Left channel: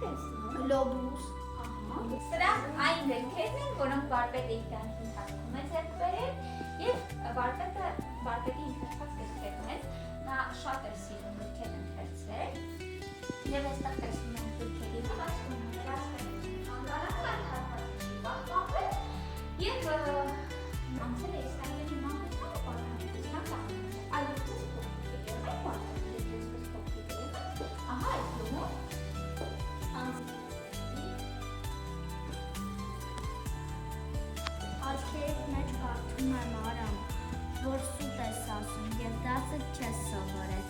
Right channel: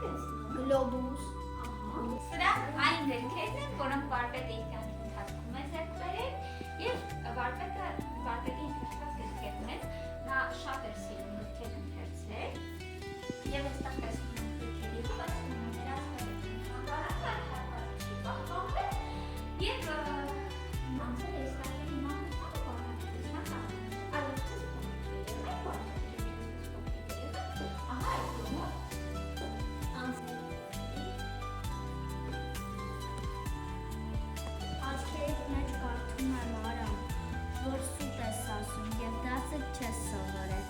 Գլոբուս։ Սրանք այն գրքերն են, որոնք վարպետը իր կյանքի ընթացքում է ձեռք բերել և վարպետի ընթերցած գրքերն են, նա շատ էր սիրում գրքեր ընթերցել և այստեղ տեսնում ենք գրքերի ընթացքում անվանակային հատվածի պահպանվել և անցել է իսկական մանկությանը պահպանության տակնից, այլ ուղղպես փոխվելն է վարպետը և այսպես փոխվելն ահա այդ յոմով Աչքերիդ մեջ կարդում եմ Արամ, որ սուտ ես ասում և դասը չես սովորել,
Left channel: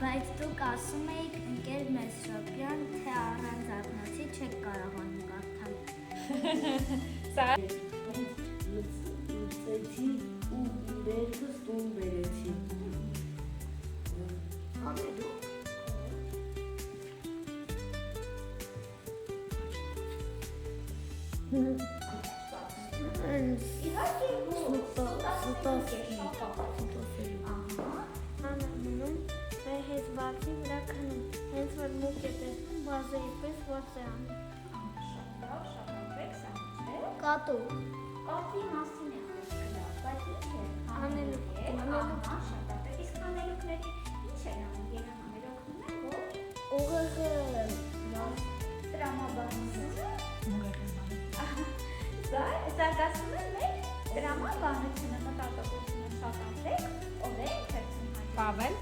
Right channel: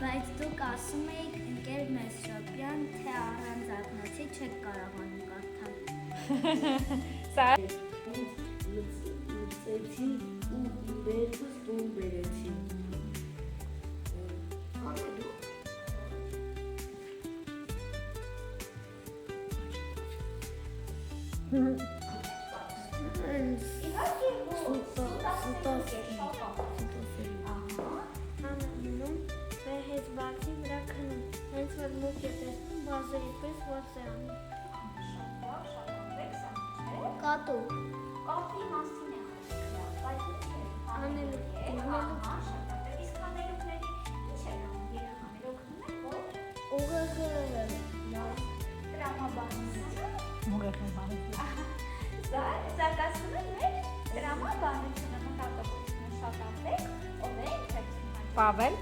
բայց դուք ասում էիք ընկեր Մեսրոպյան, թե առանց ակնոցի չեք կարողանում կարդալ։ Լծեցի ու վերքս տուն բերեցի։ Անելու։ Անանում վեհեց բացի վրա քնում, հենց որ մուկ է տեսնում, բազերի պես ված է անում։ Կատու։ Կատի մասին է խոսքը, բայց ինչ է Անելուկ, գնալուկ։ շատատեք, իսկ անելուկների ինչ են անում, երեխաները օգնում են, ոչ? Ուղեղը Տրամաբանությունը։ Զարգացնում են մեր տրամաբանությունը, մտածողությունը շատացեք, ով է ընթերցում հաջող։ Պավել։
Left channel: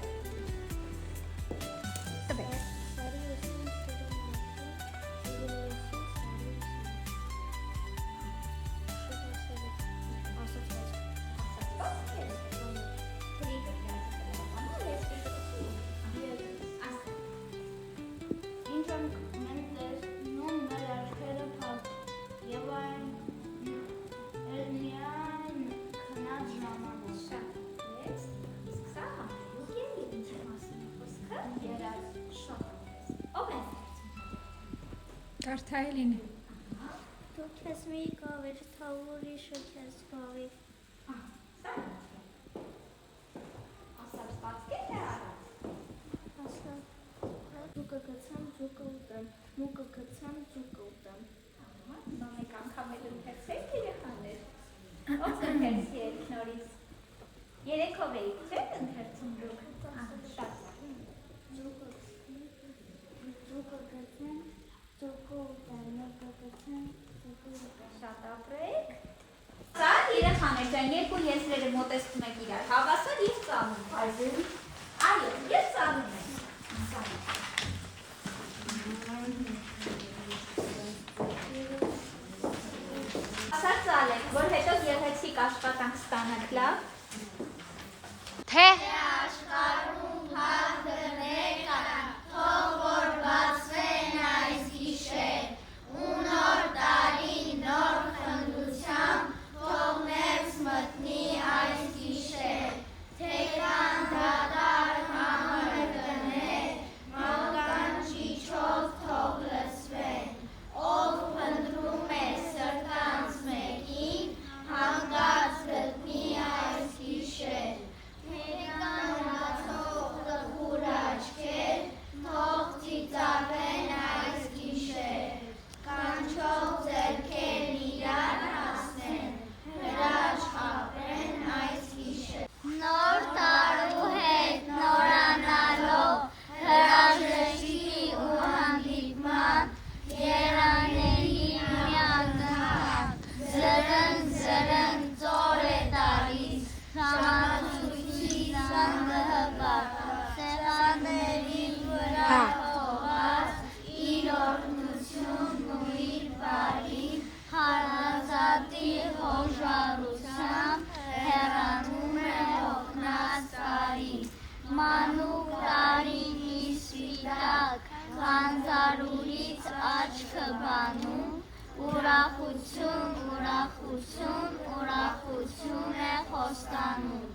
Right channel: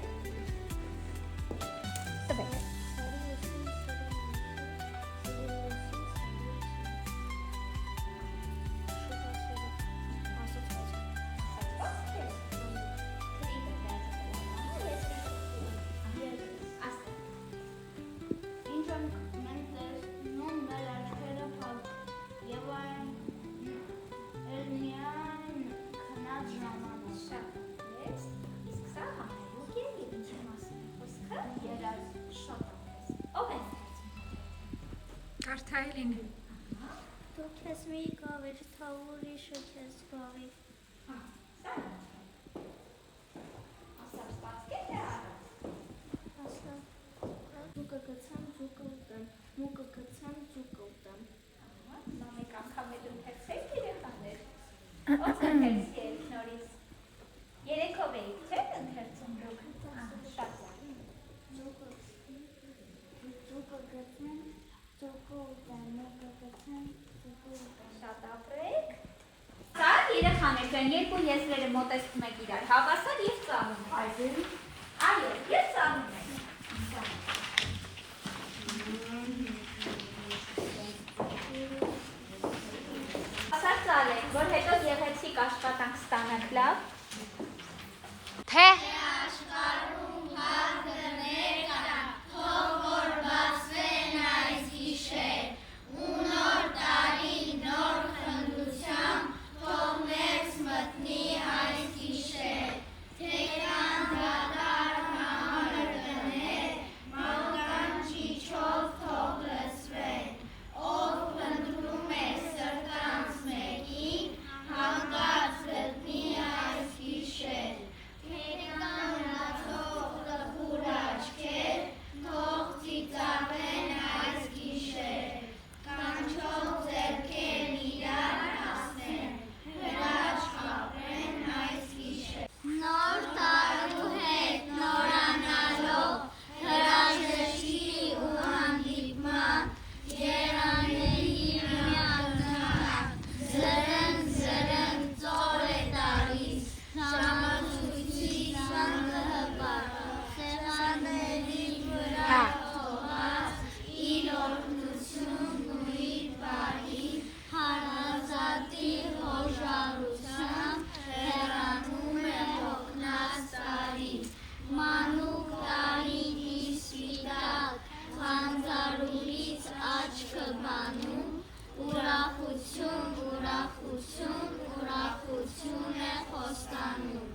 Ինչ ենք մենք տեսնում մեր աչքերը փակ և այն միայն քնած ժամանակ։ Շատ ես, իսկ սա հանելուկ է և ինչի մասին է խոսքը, երազ շատատես, ով է ընթերցում հաջող։ Կարդայելին։ Դու քեզ մի գավիր, թա ուրիշը քեզ գավի։ Սա ասած պատկեր է առած։ Ասա, ձուկը գցեմ, ձուկը ուտեմ, մուկը գցեմ, ձուկը ուտեմ։ Նոմիկ անգամ էլ ընթերցեք երեխաներ։ Ոնց ընթերցի եք նորից։ Երեքով էիք չեք ընթերցում դուք։ Շատ Ձուկը գցեմ, ձուկը ուտեմ, մուկը գցեմ, ձուկը ուտեմ։ շատ ապրեք։ Սա երեխաներ ձեն երկու եզրերը մոտեցնում եք իրար հավասար և ծանում։ Այո, և ծանում եք։ Ասած ծալեք, որ հետո գեղեցիկ աշխատանք ստանանք, լավ։ Թե Աշխարհում հարգներ կան, թող որ բացվեն այս գիշեր, ու նոր տարի նոր խնդությամբ, թող ներս մտնի այս գիշեր, թե կան դատարկ համր կներ, մականջիչով թող լսվեն, ով փնտրում է սրտանց մեկին, հանկարծ գտնի այս գիշեր, թե կան լացող տխուր աչքեր, թող ծիծաղեն այս գիշեր, կանչող ձեռքեր իրար հասնեն, հրաչ խաբեն այս գիշեր։ Նոր տարու հետ նորանալով, հրաժեշտի ու հանդիպման, եղանների միանհատ, զրնգ ծոր է տալիս, ժամացույցի սանհղար, սեղանների վրա թողած, իր օրհնությունն ու իր բարին, հարազատի հոժարությամբ, հեռանում է հոգնած տարի, մանուկ տարին իր սպիտակ, խանձարուրից աչքը բանում, ուրախություն, ուրախություն, ուրախություն է խոստանում։